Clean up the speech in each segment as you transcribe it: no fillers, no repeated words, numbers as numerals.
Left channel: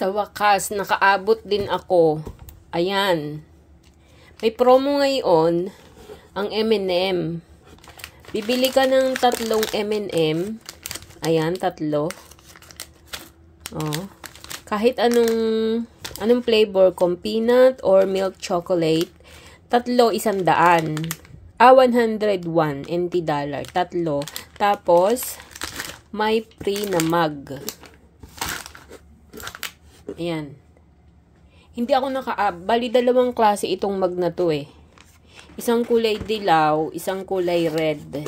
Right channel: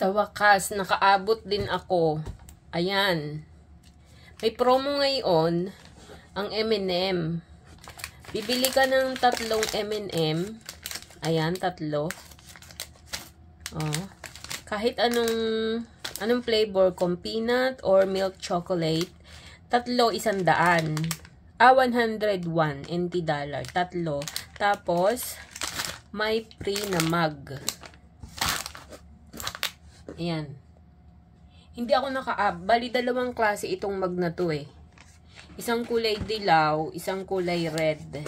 Sa wakas, nakaabot din ako. Ayan. May promo ngayon, ang M&M. Bibili ka ng 3 M&M. Ayan, 3. Oh. Kahit anong flavor, kung peanut or milk chocolate, 3, 100. 101 NT dollar. 3. Tapos, may free na mug. Ayan. Hindi ako bali 2 klase itong mug na to eh. Isang kulay dilaw, isang kulay red.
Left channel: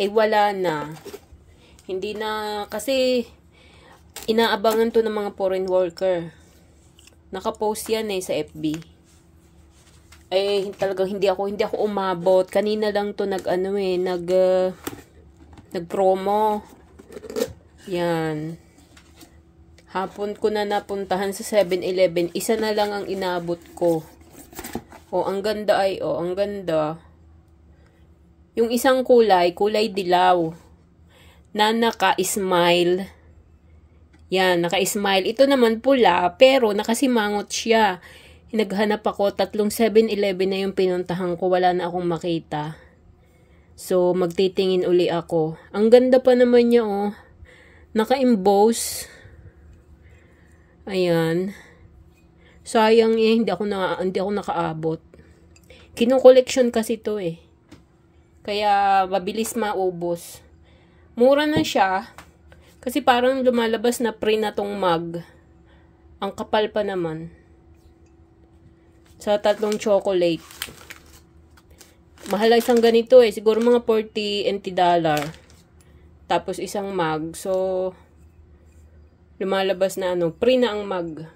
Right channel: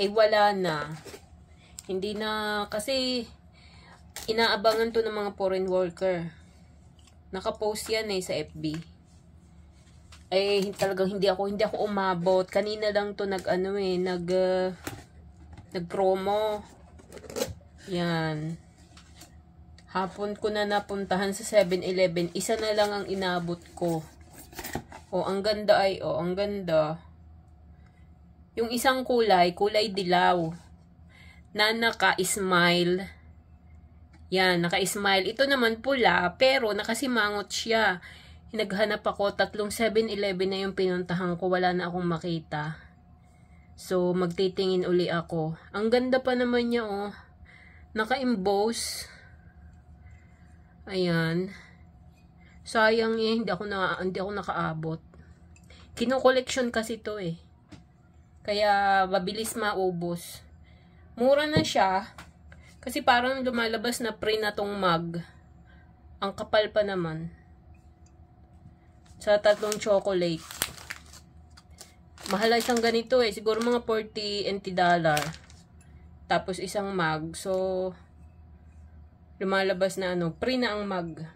Eh wala na. Hindi na, kasi inaabangan to ng mga foreign worker. Nakapost yan eh sa FB. Eh talagang hindi ako umabot. Kanina lang to nag-promo. Yan. Hapon ko na napuntahan sa 7-Eleven. Isa na lang ang inabot ko. Oh, ang ganda ay, oh, ang ganda. Yung isang kulay dilaw. Na naka-smile. Yan, naka-smile. Ito naman pula, pero nakasimangot siya. Naghanap ako, 3 7-Eleven na yung pinuntahan ko. Wala na akong makita. So, magtitingin uli ako. Ang ganda pa naman niya, oh. Naka-emboss. Ayan. Sayang eh, hindi ako nakaabot. Kino-collection kasi to eh. Kaya mabilis maubos. Mura na siya. Kasi parang lumalabas na pre na tong mug. Ang kapal pa naman. Sa 3 chocolate. Mahal isang ganito eh. Siguro mga 40 NT dollar. Tapos isang mug. So, lumalabas na pre na ang mug.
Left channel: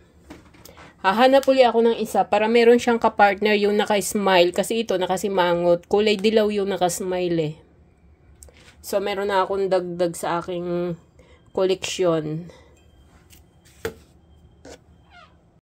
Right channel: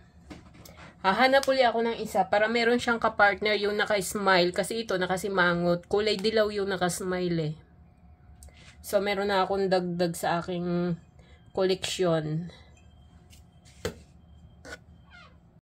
Hahanap uli ako ng isa para meron siyang kapartner yung naka-smile. Kasi ito nakasimangot. Kulay dilaw yung naka-smile eh. So, meron na akong dagdag sa aking koleksyon.